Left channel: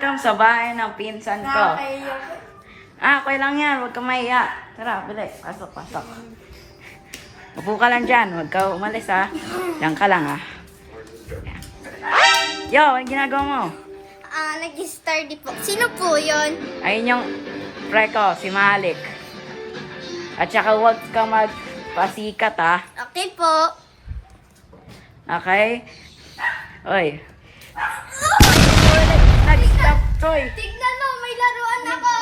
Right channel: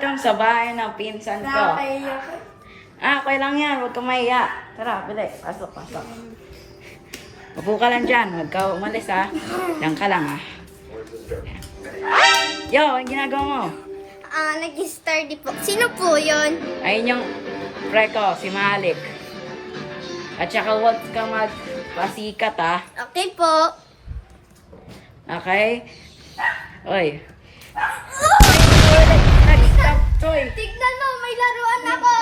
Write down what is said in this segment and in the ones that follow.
welcome sa bahay ng pinsan ko. Okay lang yan. Huwag ka mahiya. Tara, bili. Pasok, pasok. Upo ka lang dyan. Huwag ka umalis, ha. Diyan ka lang, ha. Yo, ano ginagawa mo? Nag-study po. Sino po yun? Ayun yung pre ko, si Malik. At saka huwag ka magpasikat, ha. Okay po. Okay? Oy. Nag-stop toy. Tignan mo, may laruan ako.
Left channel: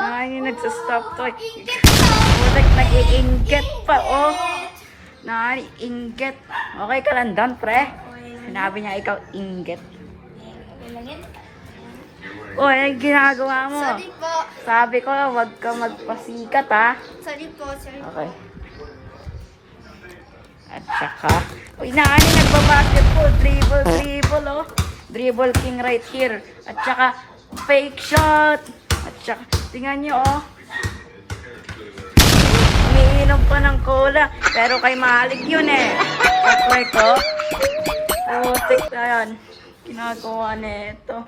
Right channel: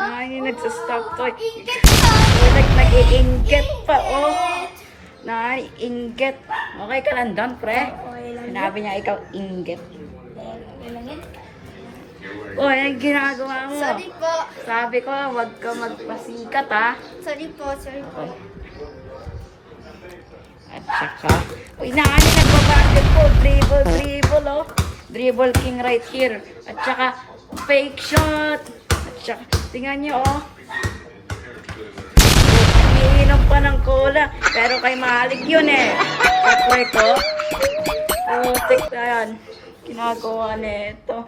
Ay, nag-stop toy. Ingit pa. Nag-iinggit pa, oh. Naiinggit. Okay ka lang doon, pre? Sinabi niya ikaw inggit. Oy, ano ginagawa mo? Sorry po. Sabi ko, wag ka magpasikat, ha? Sorry po, sorry po. Okay. At saka, uy, naani nagbabasketball. Dribble, oh. Dribble king right here. At saka, fake shot. At saka, tingnan nyo, oh. Umiinom pa ng cola. Pero kay Malik yun, eh. Kapre ko. Putik na yan. Ginagawa nito.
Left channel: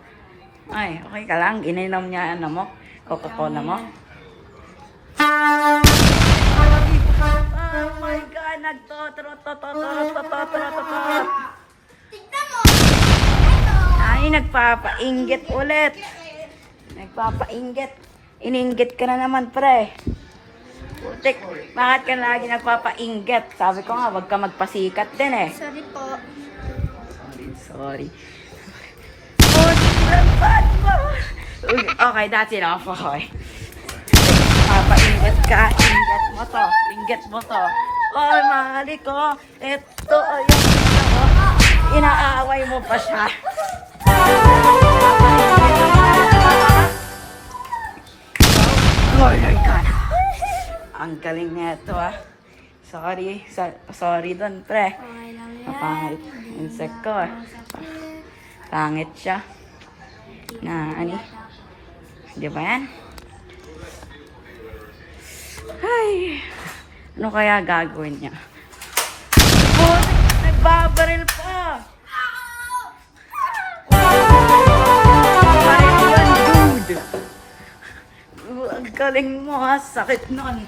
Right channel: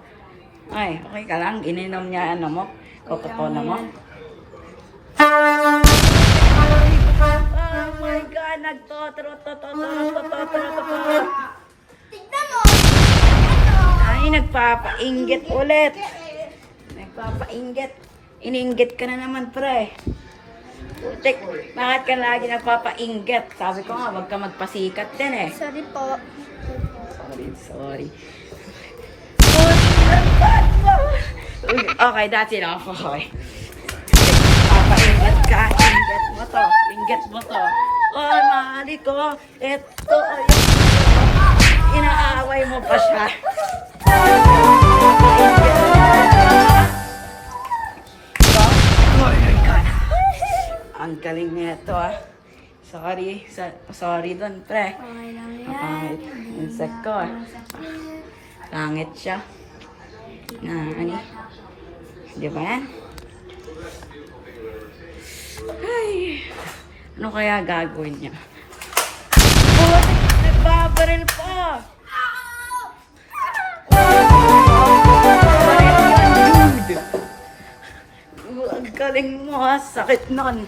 Ay, okay ka lang. Ininom niya, ano mo? Coca-Cola mo. Oh my God, nagtotro-totro-totro-totro-totro. Tignan mo. Ano? Ay, nagpapainggit ulit. Nagpapainggit. Ininggit ka na naman, pre. Putik, bakit ka lagi nagpapainggit? Sabi ko nga, wag ka magpasikat din eh. Sorry po. Sorry. Putik, mo. Okay, that's enough. Okay. Papainggit ka. Inggit mo to. Inggit mo to. Oh, mahali ko. Ito, ayun. Inaaway mo pa siya. Papainggit mo. Oh my God. Ang galing na ito, ah. Sorry. Sorry doon, pre. Okay lang Pangit. yan. Insect ko, ah. Pangit siya. Na, ano? Di ba yan? Ay. Ano kaya gagawin niya? Putik! Nagbabaril pa! Baril yan, dude! Ang galing mo, ha? Sakit nun.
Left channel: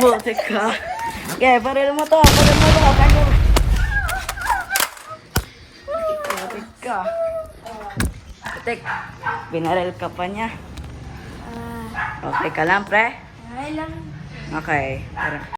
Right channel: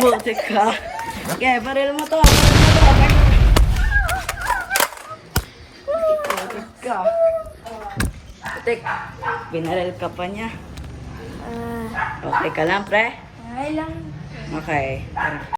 Putik ka. Okay, baril mo to. Baril mo to. Putik ka. Putik. Binaril ka pa niya. Okay ka lang, pre? Okay lang. Okay. Tara.